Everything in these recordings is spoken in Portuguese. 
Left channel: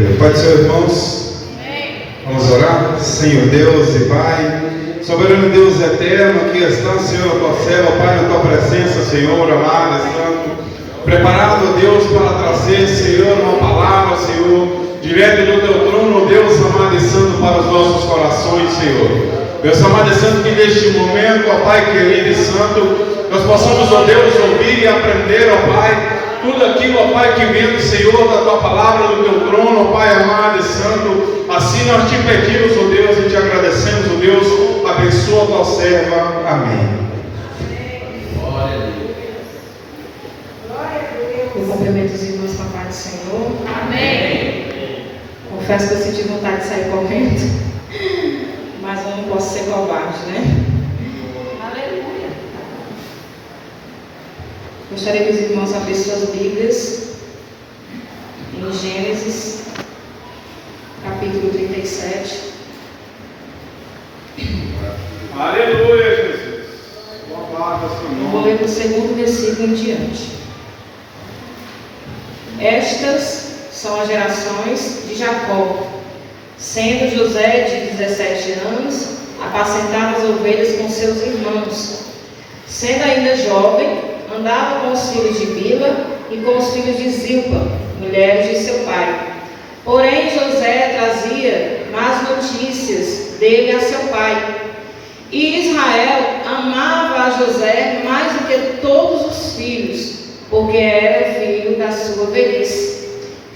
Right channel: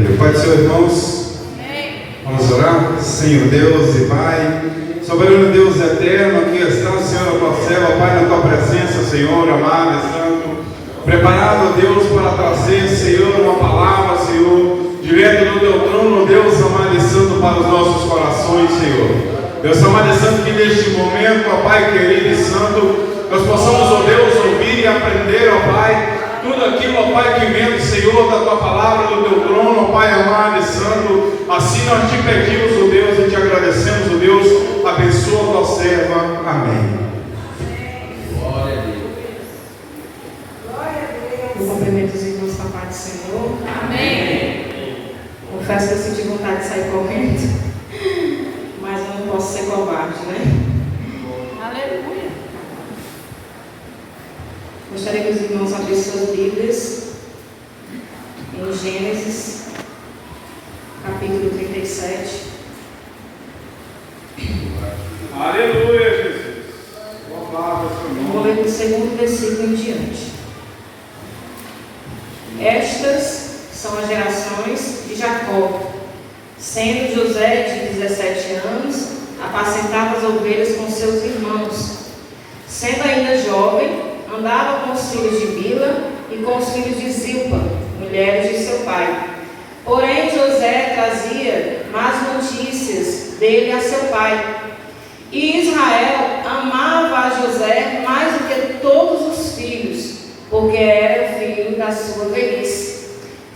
Aleluia. Pode ser, irmãos? Vamos orar? Senhor Deus e Pai, soberano Deus eterno, aqui estamos, Senhor, tua serva, Pai, na tua presença, Senhor, amado e santo, preparado, Deus, para trazer, Senhor, uma palavra, Senhor, direto do teu trono, Deus, amado e santo, para os nossos corações, Senhor. Deus amado e santo, que neste momento, ó Pai querido e santo, nós possamos, ó Deus, ouvir e aprender, ó Pai, tudo aquilo, ó Pai, que vem do Senhor, da tua palavra, do teu trono, ó Pai amado e santo. Assim nós te pedimos, ó Deus, e te agradecemos, ó Deus, abençoa a tua serva. Amém. Glória a Deus. Eu cumprimento os irmãos com a paz do Senhor. Amém. Confesso que eu senti vontade de sair correndo, mas eu não posso ser covarde, né? Aleluia. Gostaria que os irmãos abrissem suas Bíblias em Gênesis, capítulo 37. Aleluia, Jesus. Boa palavra, Eu vou ler do segundo versículo em diante. Estas são as gerações de Jacó. Sendo José de 17 anos, apacentava as ovelhas com seus irmãos. Sendo ainda jovem, andava com os filhos de Bila e com os filhos de Zilpa, mulheres de seu pai. Porém, José trazia más notícias dele a seu pai. E Israel amava a José mais do que todos os filhos, porque era o filho da sua velhice.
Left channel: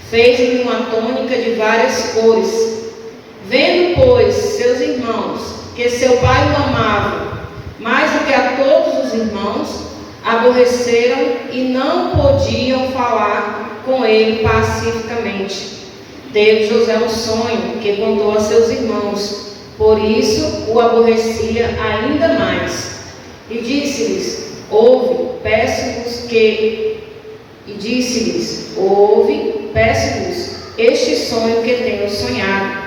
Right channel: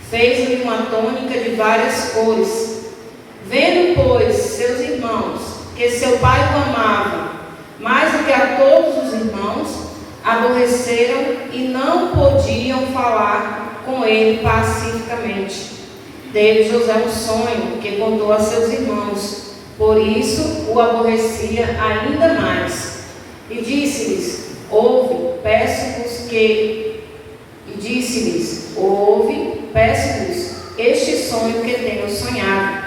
Fez-lhe uma túnica de várias cores. Vendo, pois, seus irmãos, que seu pai o amava mais do que a todos os irmãos, aborreceram e não podiam falar com ele pacificamente. Teve José um sonho que contou a seus irmãos, por isso o aborrecia ainda mais. E disse-lhes, ouve, peço-vos este sonho que tenho sonhado.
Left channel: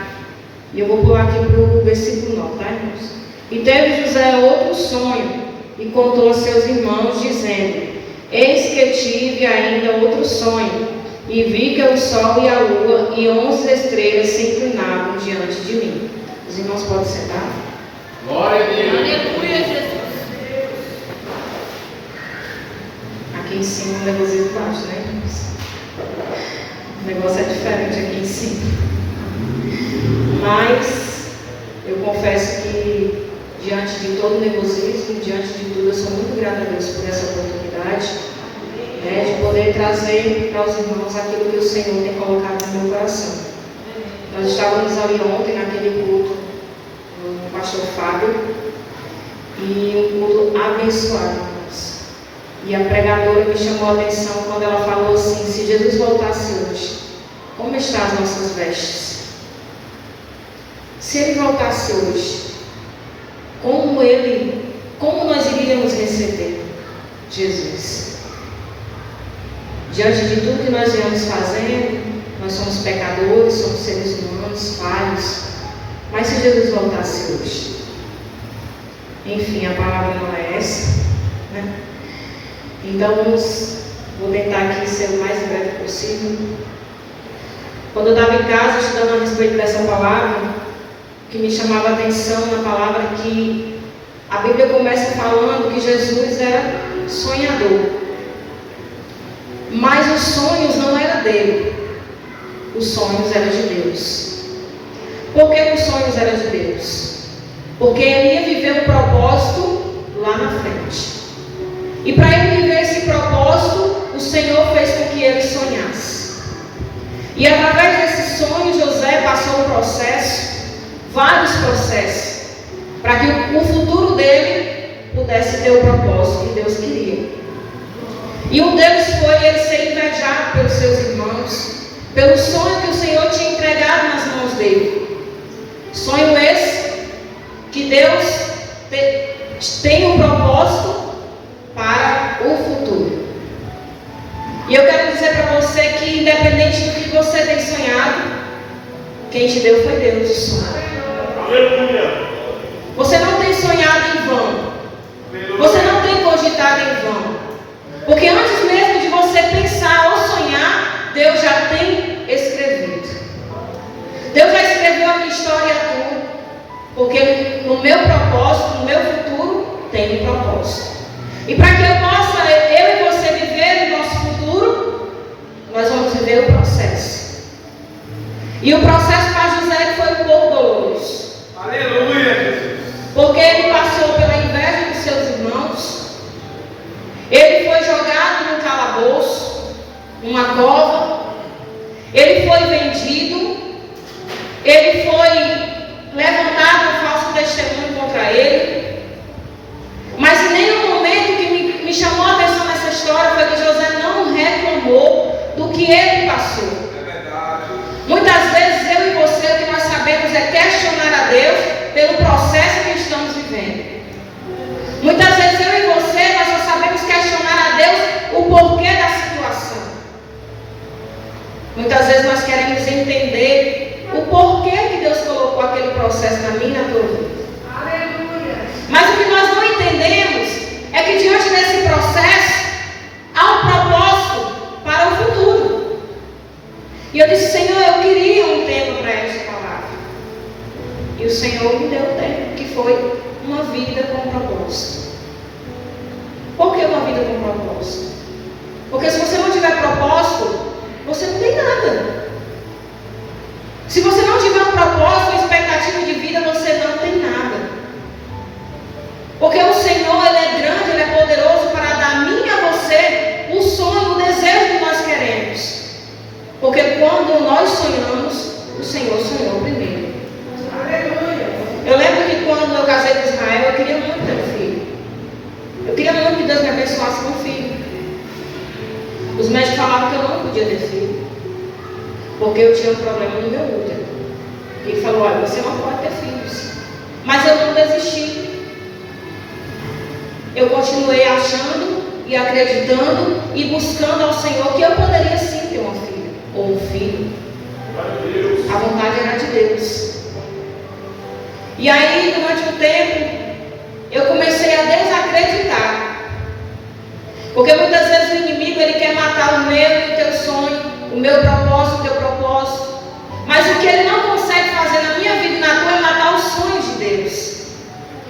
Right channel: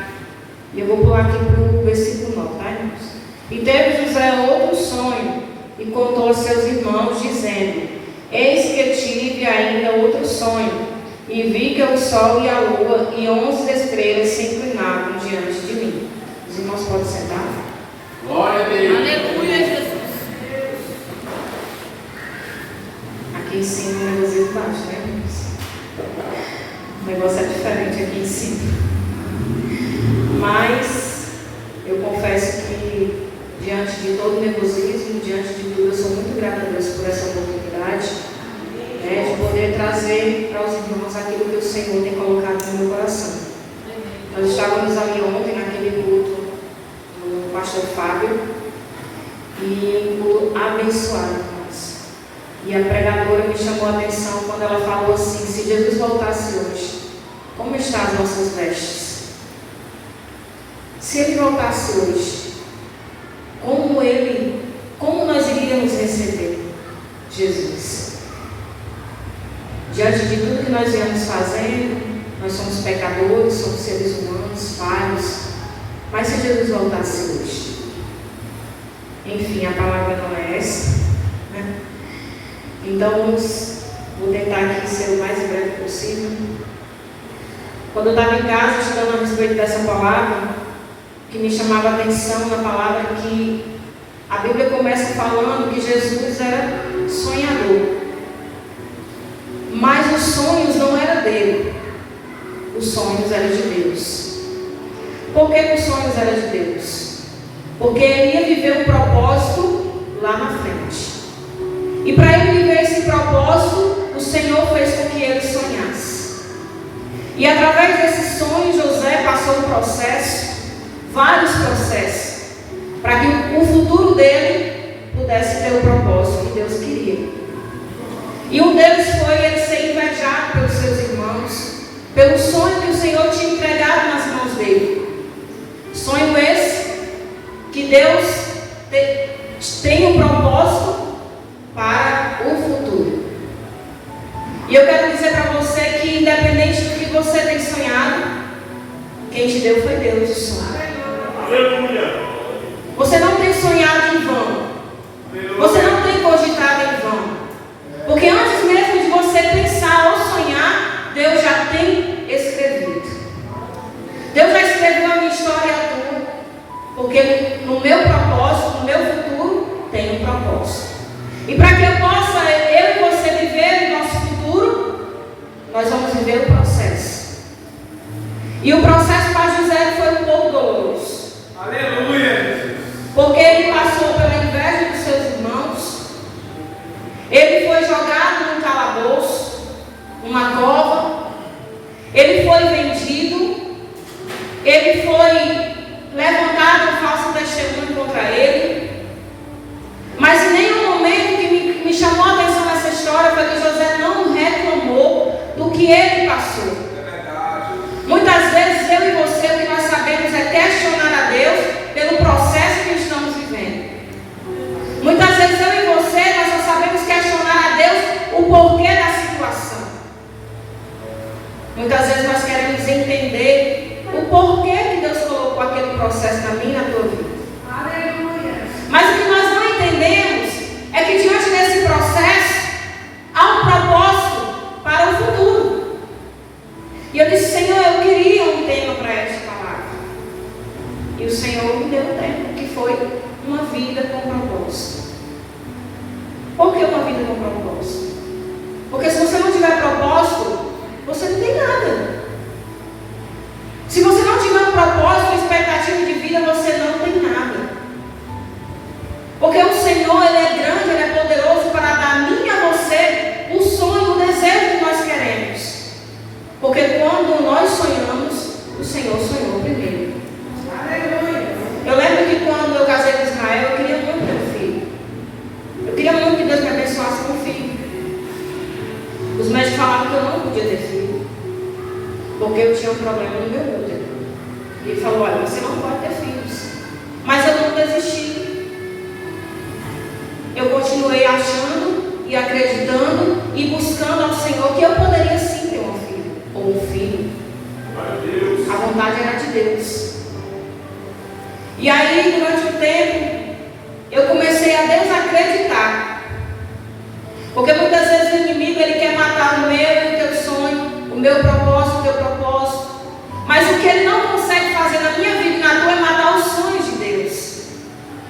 E eu vou pular aqui para o versículo 9, tá, irmãos? E teve José outro sonho, e contou a seus irmãos, dizendo, eis que tive ainda outro sonho, e vi que o sol e a lua e 11 estrelas se inclinavam diante de mim. Os irmãos podem sentar? Glória a Deus. Aleluia, Jesus. Aqui em cima o negócio é baixo, né, irmãos? O negócio é diferente aqui em cima. Mas eu confesso que diante de todo o nervosismo, diante de tudo, eu sou muito grata a Deus por essa oportunidade, né, de poder trazer para os irmãos aquilo que o Senhor tem colocado no meu coração. Nós estávamos ali ontem naquele culto do pastor Fábio, e um culto abençoado, irmãos. E a pregadora me chamou a atenção quando ela falou assim, se Jesus voltasse hoje, como estão as nossas vestes? Se ele voltasse hoje, como nós iríamos receber Jesus? Diante de tudo que nós viemos fazendo, nós somos pecadores, somos seres humanos, falhos, mas se Jesus voltasse hoje? Enfim, a palavra não é essa, né? Então vou tentar aqui ser o mais breve possível. Quando eu estava em casa estudando a respeito dessa palavra, o que me chamava a atenção na palavra é que a Bíblia começa falando que Jesus era sonhador. Mas os sonhos não eram dele, os sonhos eram de Deus. Por que os sonhos eram de Deus? Porque ele ia viver um propósito lá na frente. E para ele viver esse propósito, o Senhor fez com que ele sonhasse. E através desse sonho, José passou um processo, vários processos, para que o futuro dele pudesse ter o propósito que Deus queria. E um deles foi ele ser invejado pelos seus irmãos, pelo sonho que o Senhor tinha entregado nas mãos dele. Sonho esse que Deus tem um propósito para o futuro. E eu quero dizer para você que, independente do que você tem sonhado, quem te deu foi Deus o sonho. Aleluia. Você não tem sonhado em vão. Você não tem cogitado em vão. Porque antes mesmo de você pensar ou sonhar, Deus já tem escrevido. Porque no meu propósito, no meu futuro, tem um propósito. E para que eu possa, eu e você viver o nosso futuro, nós vamos viver o processo. E o processo para José foi um pouco doloroso. Aleluia, Jesus. Porque ele passou pela inveja dos seus irmãos. Ele foi jogado num calabouço, numa cova. Ele foi vendido. Ele foi levantado um falso testemunho contra ele. Mas em nenhum momento que me chamou a atenção nessa história foi que José não reclamou do que ele passou. É verdade. Muitas vezes eu e você, o que nós sabemos é questionar a Deus pelo processo que estamos vivendo. Muitas vezes eu e você, nós só sabemos questionar a Deus o porquê da situação. Muitas vezes nós queremos entender o porquê que Deus colocou aquele processo na minha e na tua vida. Aleluia. Mas o que nós não entendemos é que diante desse processo há um propósito para o futuro. E eu disse, Senhor, eu queria um tema para esta palavra. E o Senhor me deu um tema, que foi uma vida com propósito. Por que uma vida com propósito? Porque se você não tiver propósito, você não tem nada. Se você não tiver um propósito, uma expectativa de vida, você não tem nada. Porque o Senhor, Ele é grande, Ele é poderoso para dar a mim e a você o sonho, o desejo que nós queremos. Porque quando nós sonhamos, o Senhor sonhou primeiro. Aleluia. Eu lembro que quando eu casei com Israel, eu queria muito ter um filho. Eu queria muito que Deus me abençoasse com um filho. Os médicos falavam que eu não podia ter filho, porque eu tinha um problema no meu útero. E ele falou, olha, você não pode ter filhos. Mas eu não desisti. Eu continuei achando e acreditando e buscando ao Senhor que eu poderia sim ter uma filha, ou um filho. A vontade era de Deus. E aí, durante um tempo, eu comecei a desacreditar. Porque muitas vezes o inimigo, ele quer matar o meu e o teu sonho, o meu propósito, o teu propósito. Mas o que ele não consegue fazer na minha vida e na tua é matar os sonhos de Deus.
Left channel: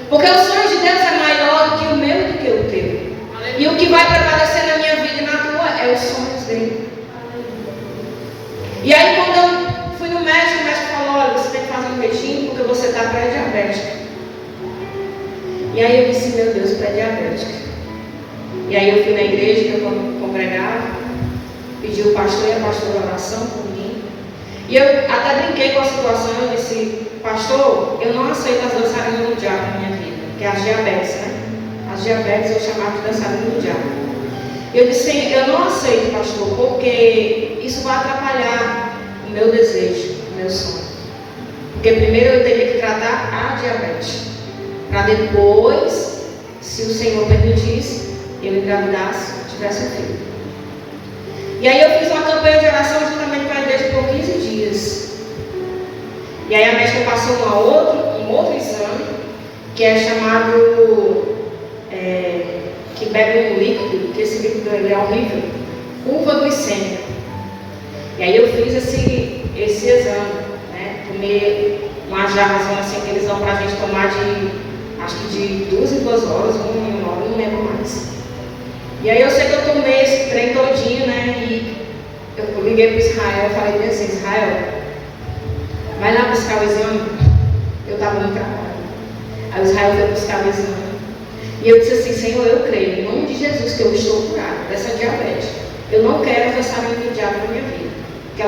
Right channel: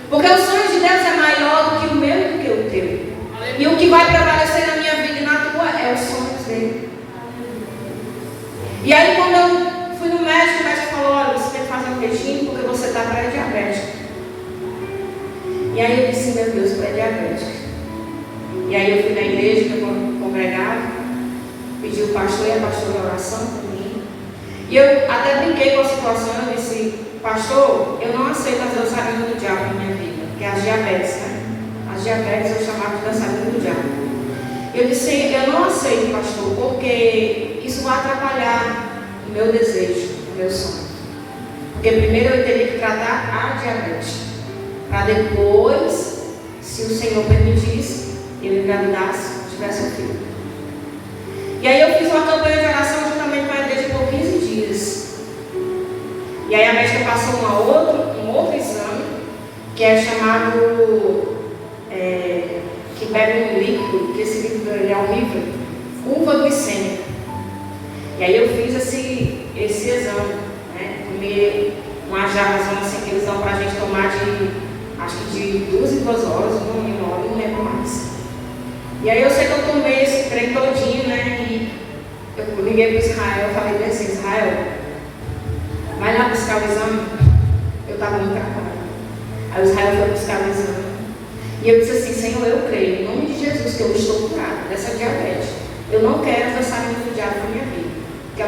Porque o sonho de Deus é maior do que o meu e do que o teu. E o que vai prevalecer na minha vida e na tua é os sonhos dele. E aí quando eu fui no médico, o médico falou, olha, você tem que fazer um peixinho porque você está pré-diabético. E aí eu disse, meu Deus, pré-diabético. E aí eu fui na igreja que eu congregava, pedi o pastor e a pastora oração por mim. E eu até brinquei com a situação, eu disse, pastor, eu não aceito as dançarinas do diabo na minha vida, que é as diabetes, né? As diabetes eu chamava de dançarina do diabo. Eu disse, eu não aceito, pastor, porque isso vai atrapalhar o meu desejo, o meu sonho. Porque primeiro eu teria que tratar a diabetes, para depois, se o Senhor permitisse, eu engravidasse, tivesse um filho. E aí eu fiz uma campanha de oração juntamente com a igreja por 15 dias. E aí a médica passou um outro exame, que é chamado, que bebe um líquido, que esse líquido é horrível, curva glicêmica. E aí eu fiz esse exame, né? Tomei uma jarrazona assim que eles dão para a gente tomar acho que de 2 em 2 horas, 1 em 1 hora, não lembro mais. E aí eu sei que eu tomei esse trem todinho, né? E eu liguei para Israel, falei assim, Israel, vai lá buscar o exame. Eu estava no trabalho. Aí o Israel foi buscar o exame. E eu disse assim, Senhor, eu creio, em nome de Jesus, que eu estou curada dessa diabetes. Eu não quero pensamento do diabo na minha vida. Porque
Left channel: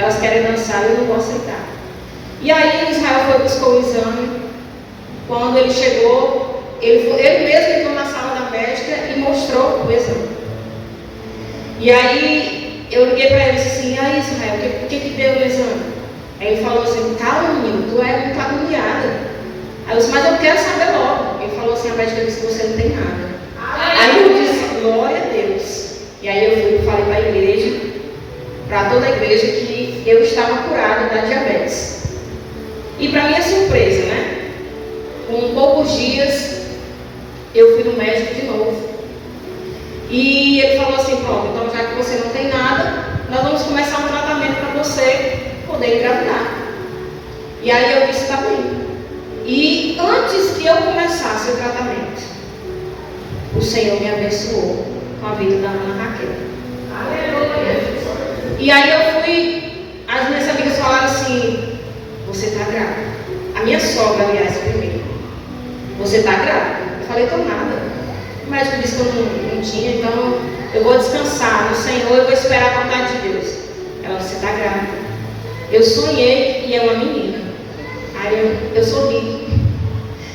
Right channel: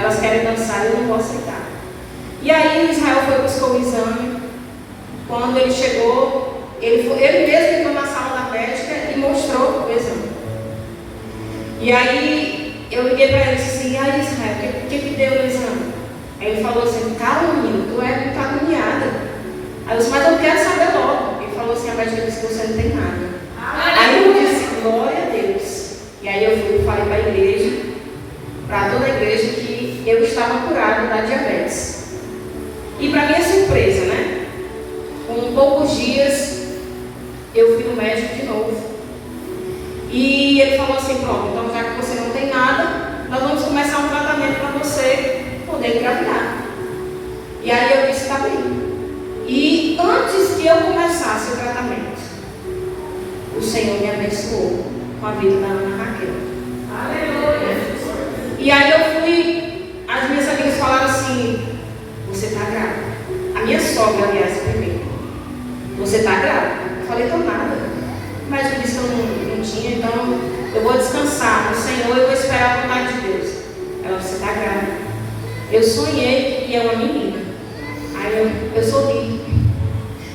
elas querem dançar e eu não vou aceitar. E aí Israel foi buscar o exame. Quando ele chegou, ele mesmo entrou na sala da médica e mostrou o exame. E aí eu liguei para ele e disse assim, e aí Israel, o que deu no exame? Aí ele falou assim, calma menino, tu é muito agoniada. Aí eu disse, mas eu quero saber logo. Ele falou assim, a médica disse que você não tem nada. Aí eu disse, glória a Deus. E aí eu falei para a igreja, para toda a igreja, que eu estava curada da diabetes. E para minha surpresa, né? Com poucos dias, eu fui no médico de novo. E ele falou assim, pronto, então já que você não tem nada, nós vamos começar um tratamento para você poder engravidar. E aí eu disse, tá bem. E que eu começasse o tratamento, o Senhor me abençoou com a vida da Ana Raquel. Aleluia. E aí eu fui, as minhas amigas falaram assim: você está grávida. A minha sogra, aliás, primeiro: você está grávida? Eu falei: tô nada. O médico disse que eu não tinha, então eu vou descansar no Senhor e vou esperar a vontade de Deus. Ela: você está grávida. Eu sonhei e é uma menina. Aí eu sorri,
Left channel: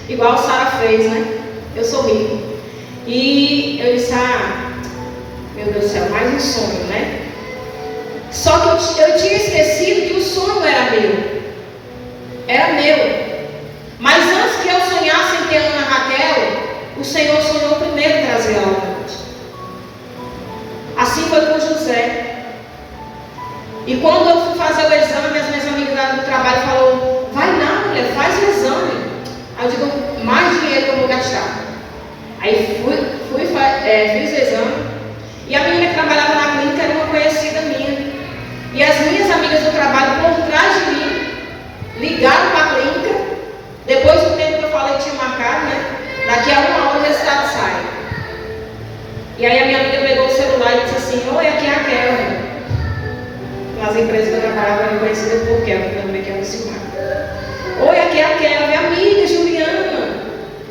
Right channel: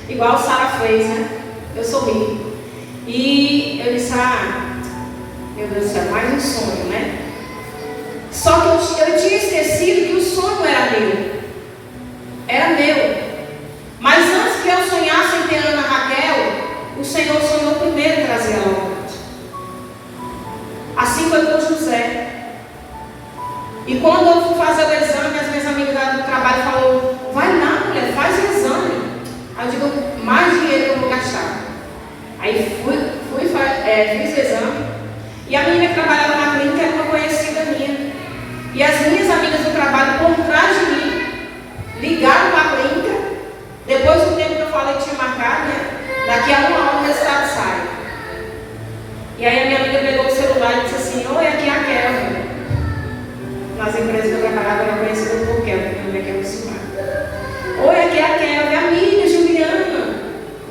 igual Sara fez, né? Eu sorri. E eu disse: meu Deus do céu, mais um sonho, né? Só que eu tinha esquecido que o sonho era meu. Era meu. Mas antes que eu sonhasse em ter Ana Raquel, o Senhor sonhou primeiro em trazer ela ao mundo. Assim foi com José. E quando eu fui fazer o exame, as minhas amigas lá do trabalho falaram: vai não, mulher, faz o exame. Aí eu digo: mais dinheiro que eu vou gastar. Aí fiz o exame. E a menina que trabalhava na clínica era uma conhecida minha. E as minhas amigas do trabalho, por trás de mim, ligaram para a clínica. Depois do tempo que eu falei que tinha marcado, né? Daqui a 1 hora o resultado sai. E aí a minha amiga pegou o celular e disse assim: oi, aqui é a Kelvin. Nas empresas que eu trabalhava, era conhecida por Kelvin, meu nome é Kelvin Silmar. Oi, aqui é a Kelvin, amiga Juliana.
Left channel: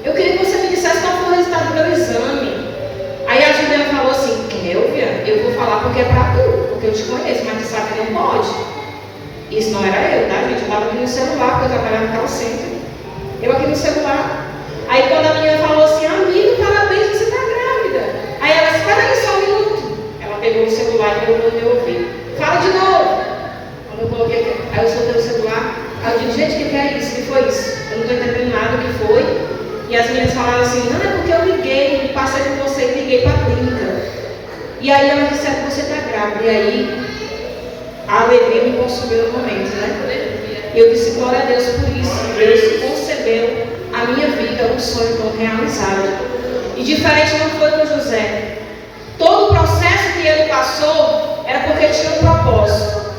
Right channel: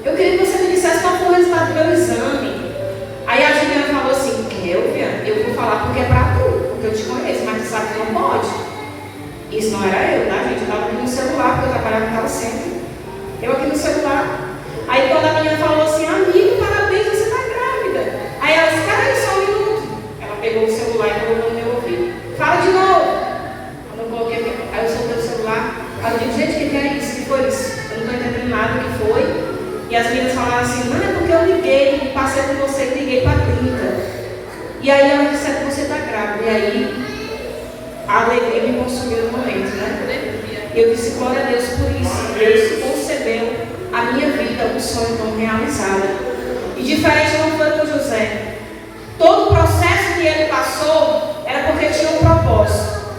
Eu queria que você me dissesse qual foi o resultado do meu exame. Aí a Juliana falou assim: Kelvin, eu vou falar porque é pra tu, porque eu te conheço, mas tu sabe que não pode. Isso não era eu, tá, gente? Eu estava aqui no celular, porque eu trabalhava no call center. Eu aqui no celular. Aí quando a menina falou assim: amiga, parabéns, você está grávida. Aí ela disse: espera aí só um minuto. Ela pegou o celular e colocou no meu ouvido: fala de novo. Quando eu coloquei, aí eu soltei o celular. Aí eu digo: gente, o que é isso? O que foi isso? Eu não estou entendendo nada do que foi. E as meninas falaram assim: não, é porque eu liguei, passei com você e liguei para a clínica. E aí ela disse: é que você está grávida. E aí a alegria me consumiu no momento, né? E eu disse: glória a Deus por isso. Deus concebeu a minha vida um sonho não realizado. E diferente não foi com José. Todo o processo que ele passou era porque tinha um propósito.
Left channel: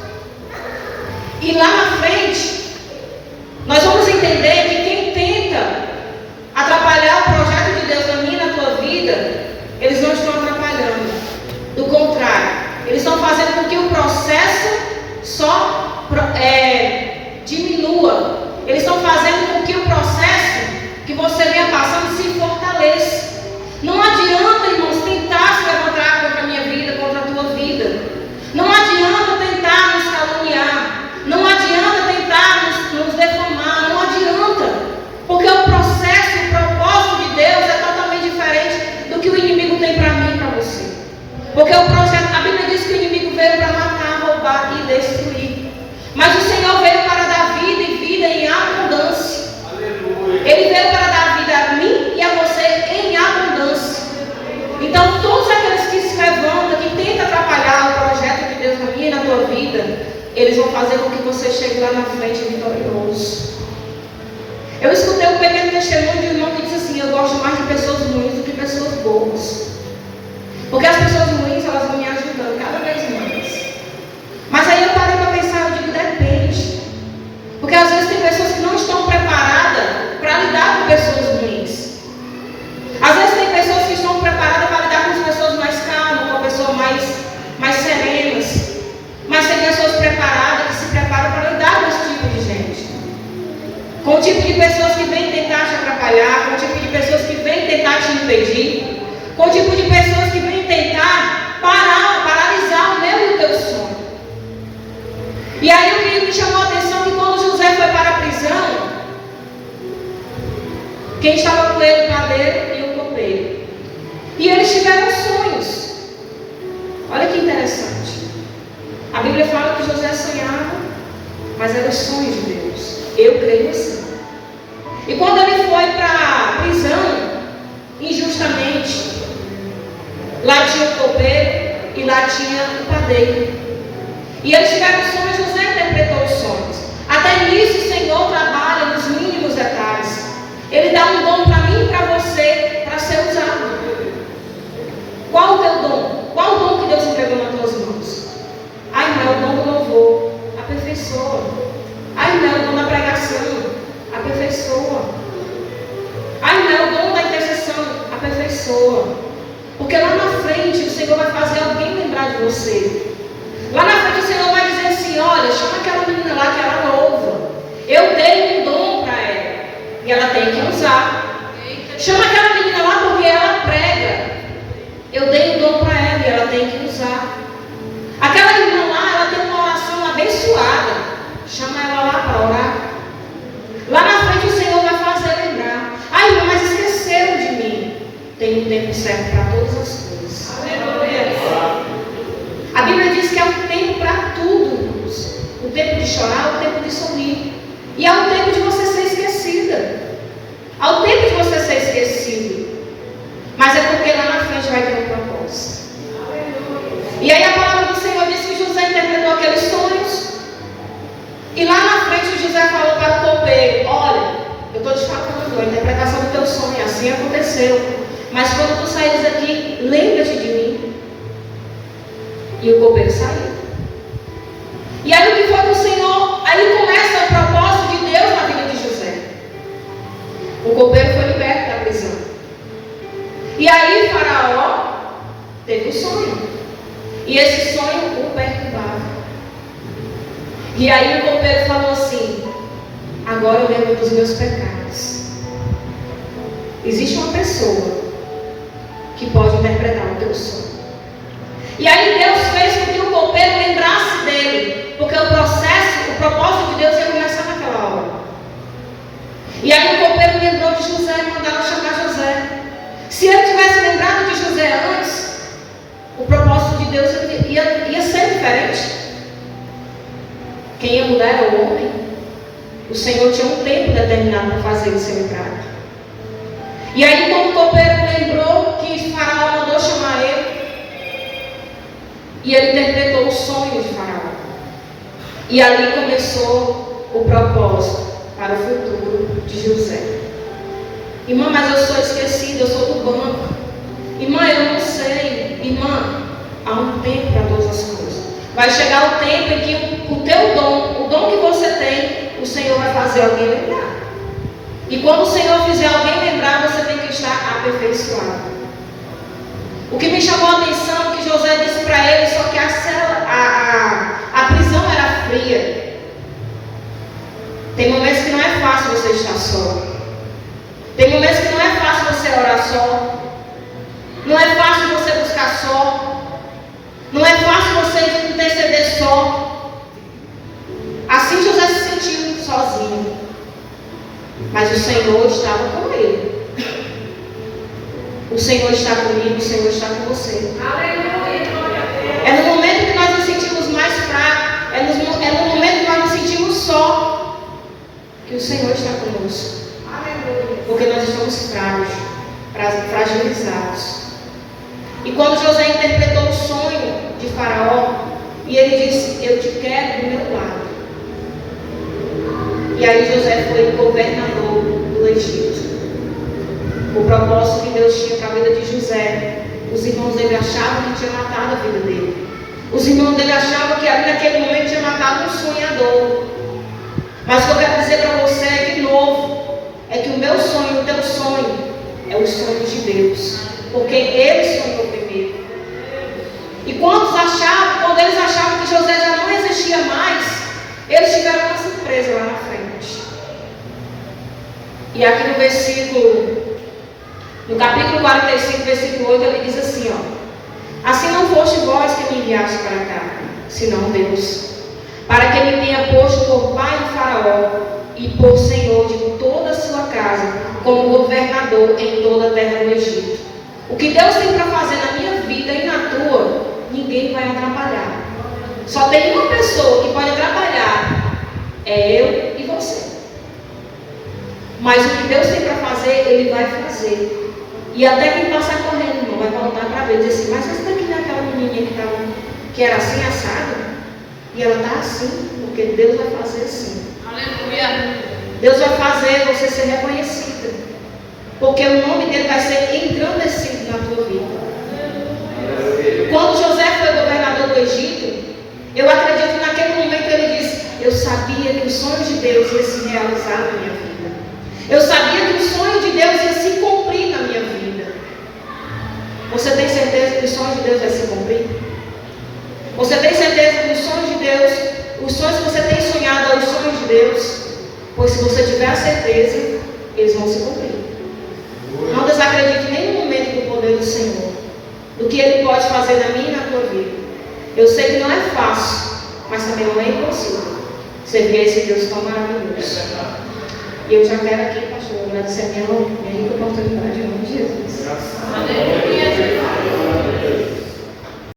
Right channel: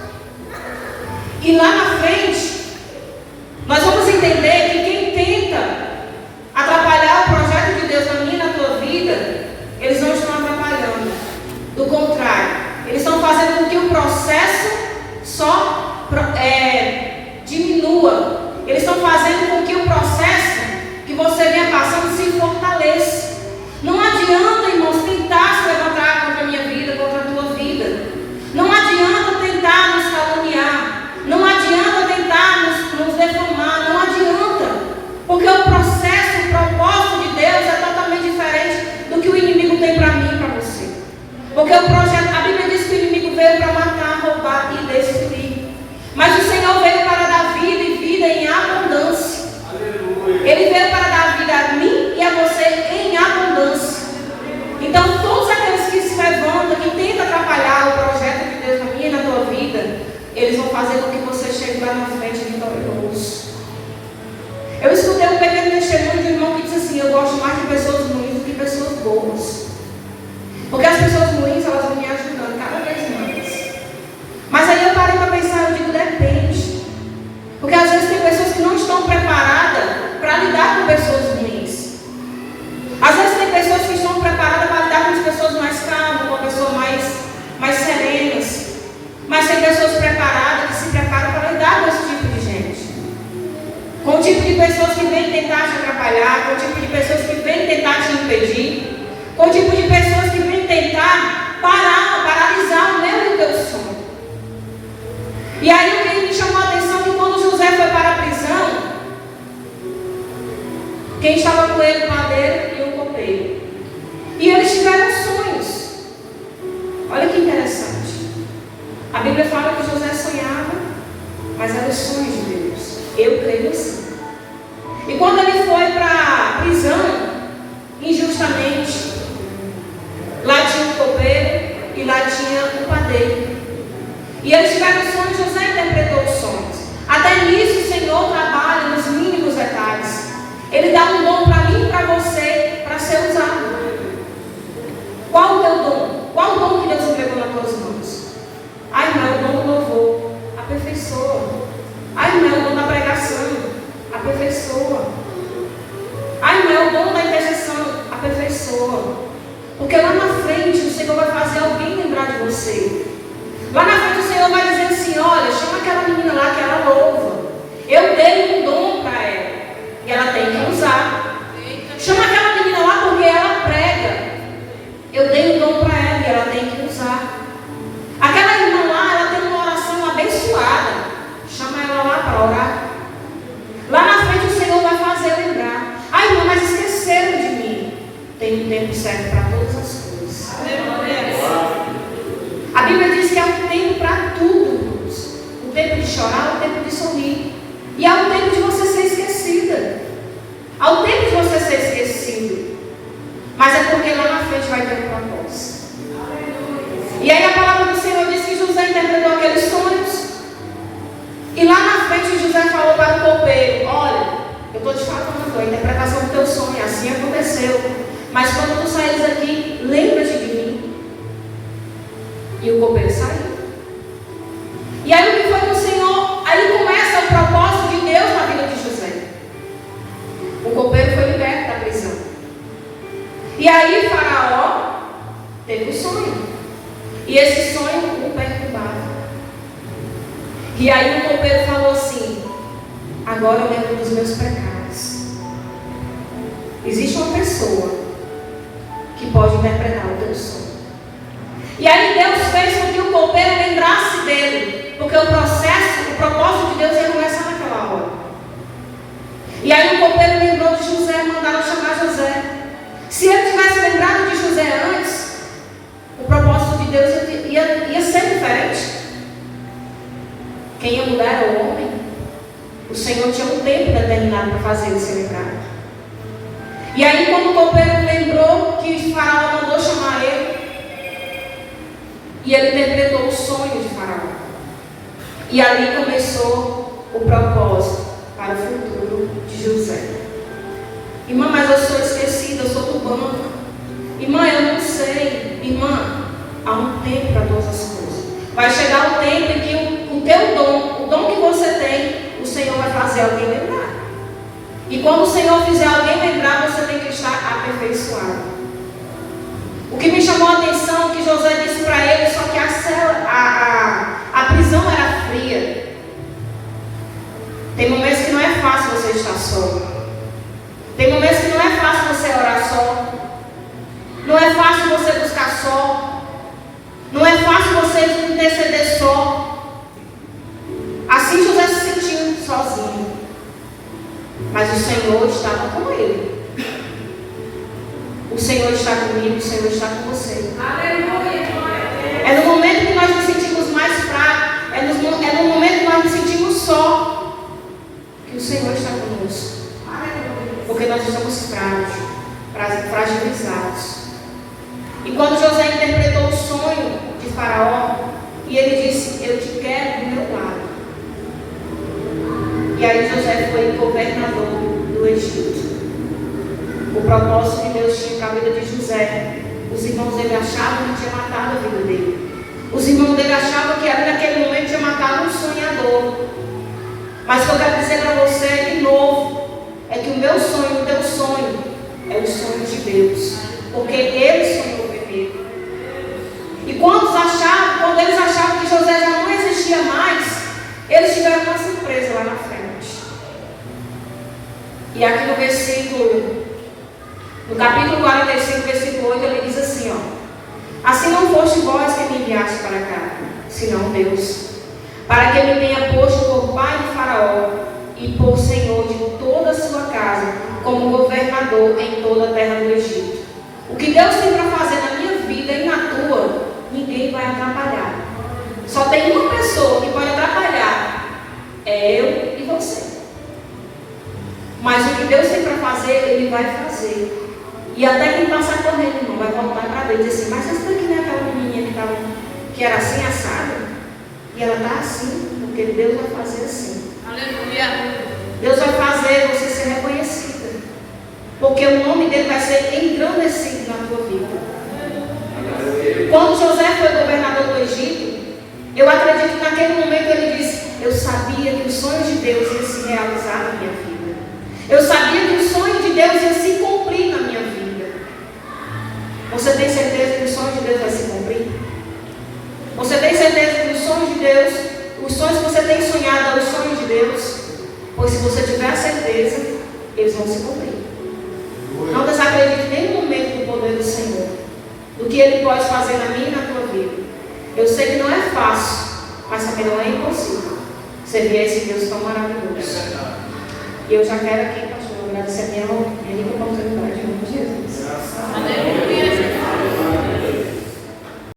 E lá na frente, nós vamos entender que quem tenta atrapalhar o projeto de Deus na minha e na tua vida, eles não estão atrapalhando. Do contrário, eles estão fazendo com que o processo só diminua. Eles estão fazendo com que o processo que você venha passando se fortaleça. Não adianta, irmãos, tentar se levantar contra a minha vida, contra a tua vida. Não adianta tentar nos caluniar. Não adianta tentar nos defamar. Não adianta. Porque o processo, o propósito de Deus é totalmente diferente do que o inimigo tem para mim e para você. Porque o projeto, a Bíblia diz que o inimigo veio para matar, roubar e destruir. Mas o Senhor veio para dar vida e vida em abundância. Aleluia. Ele veio para dar vida a mim e a você em abundância. Então todos aqueles que se levantam, que tentam atrapalhar o projeto de Deus na minha e na tua vida, eles vão fazer com que você chegue lá na frente vitorioso. Eu escutei um pequeno testemunho de um irmão que disse assim: eu gosto mais de pessoas ruins do que pessoas boas. Porque as pessoas ruins, elas vão me ajudando cada vez mais. Mas aí eu parei para pensar, eu digo: depende. Porque às vezes tem pessoas que não estão preparadas para lidar com pessoas ruins. Às vezes tem pessoas que estão preparadas para lidar com as pessoas mais calmas, com pessoas mais serenas. Mas tem pessoas preparadas que se preparam para lidar com esse tipo de gente. Com o tipo de pessoas que vêm tentar te atrapalhar, com o tipo de pessoas que vêm tentar te impedir, com o tipo de pessoas que vêm tentar paralisar o meu e o teu sonho. E aí o que me chamou a atenção que quando José foi para a prisão, quem estava com ele, o padeiro e o copeiro. E eles tiveram sonhos. Olha que interessante. A Bíblia fala que José sonhava, mas era o sonho de Deus. Eu creio assim. E quando ele foi para a prisão, injustamente, lá tinha o copeiro e lá tinha o padeiro. E eles tiveram sonhos, José interpretou os sonhos. Até nisso o Senhor trabalha nos mínimos detalhes. Ele dá um dom para mim e para você, para ser usado. Qual o teu dom? Qual o dom que Deus entregou nas tuas mãos? Ai, irmã, o dom do louvor. Aperfeiçoa. Ai, irmã, o dom da pregação. Aperfeiçoa. dei um dom para ela. E ela tem que usar. Chama aquela menina lá porque ela prega. Eu dei um dom para ela e ela tem que usar. Aquela irmã lá, ela tem uma oração abençoada. Chama ela lá para orar. Lá na frente o Senhor vai fazer lembrar. Ai, irmã, mas esqueceram de mim. Tem um tempo certo para todas as coisas. A Bíblia diz que há um tempo para tudo, irmãos. O tempo de chorar, o tempo de sorrir. E há um tempo de você ser esquecida. Há um tempo de você ser esquecido. Mas é porque lá na frente vai ter um propósito. E aí a palavra do Senhor diz que José interpretou aqueles sonhos. E lá na frente José falou para o copeiro: olha, eu estou te falando, a interpretação do teu sonho, assim aconteceu. Mas quando tu saíres daqui, lembra-te de mim. E o copeiro saiu. E aí o que foi que o Senhor? Aí começa o propósito de Deus na vida de José. O copeiro foi liberto da prisão. E aí Faraó teve um sonho. E esse sonho o perturbava. E aí o copeiro falou assim: agora eu lembro dos meus pecados. Existe uma pessoa que pode interpretar o teu sonho. E aí Deus fez com que o copeiro lembrasse dele. Porque o propósito de Deus ia começar naquela hora. E aí o copeiro lembrou de José e mandaram chamar José. Se ele tivesse lembrado de José antes, o propósito de Deus ia ser diferente. Quem ia mudar era o homem. O Senhor tinha um tempo determinado para fazer ele ser lembrado. E aí quando o copeiro lembrou que Faraó mandou chamar ele, e ele interpretou o sonho de Faraó. E ali começou o propósito para o futuro de José. Irmã, mas eu sou esquecida, eu sou do banco. Irmã, eu não sei. Irmã, há um tempo para todas as coisas. Vai chegar o tempo em que o teu dom, o dom que você tem, o Senhor vai fazer alguém lembrar. E quando o Senhor fizer alguém lembrar, você tem que estar aperfeiçoado. O que me chamou a atenção é que José disse para ele, só que a prisão era fria. Tem momentos que não é fácil você estar só. Tem momentos que não é fácil você orar só. Não é fácil você buscar só. Não é fácil você interceder só. Assim José se sentiu sozinho. Mas o Senhor estava com ele. O Senhor está comigo, o Senhor está com você. Aleluia. É no momento que nós nos sentimos mais fracos, é no momento que nós nos sentimos só, que o Senhor está conosco. Porque nós estamos fragilizados. E quando José interpretou o sonho de Faraó, e ele disse: eu te quero do meu lado. E aí José foi governador do Egito. O propósito que Deus tinha para a vida de José, os irmãos dele achavam que tinha matado a vida dele. Os irmãos dele achavam que ali naquele momento tinha matado um sonhador. Mas o que eu quero dizer para você de novo é que o meu sonho, o teu sonho, é o sonho de Deus. Porque Ele sonhou primeiro. E quando eles achavam que José já não existia mais, eles tiveram uma surpresa lá na frente. E aqui no capítulo 45, versículo 8, ele diz assim, ó: assim não foste vós que me enviaste para cá, senão Deus, para que me tenha posto por pai de Faraó e por senhor de toda a sua casa, como governador em toda a terra do Egito. O que Deus tem para fazer na minha vida e na tua, ninguém vai atrapalhar. Só tem uma pessoa que pode atrapalhar, é eu e você. Mas o que Deus tem para fazer, Ele vai fazer. E até quem passar correndo, irmão, vai voltar para Deus e dizer assim: mas essa daqui não é aquela menininha que era assim assada? E ela está assim, porque Deus vai fazer assim. Aleluia. Deus vai fazer você ser reconhecida, porque o nome dele vai ser engrandecido na tua vida. Quando José foi governador do Egito, eu acredito que naquele momento ele disse: eu sabia que o sonho de Deus ia se realizar na minha vida. Eu sabia que o sonho de Deus ia se cumprir na minha vida. Você tem certeza que o sonho de Deus vai se cumprir? Você tem certeza que o sonho de Deus, os sonhos que você tem sonhado é o sonho de Deus? Pois se você tiver a certeza, eles vão se cumprir. Não desacredite em nenhum momento do poder do Senhor, do que Ele pode fazer na minha e na tua vida. Eu sei que não é fácil, mas também não é impossível servir a esse Deus tão maravilhoso. E eu já quero aqui, pastor, agradecer a minha rica oportunidade, em nome de Jesus. Aleluia.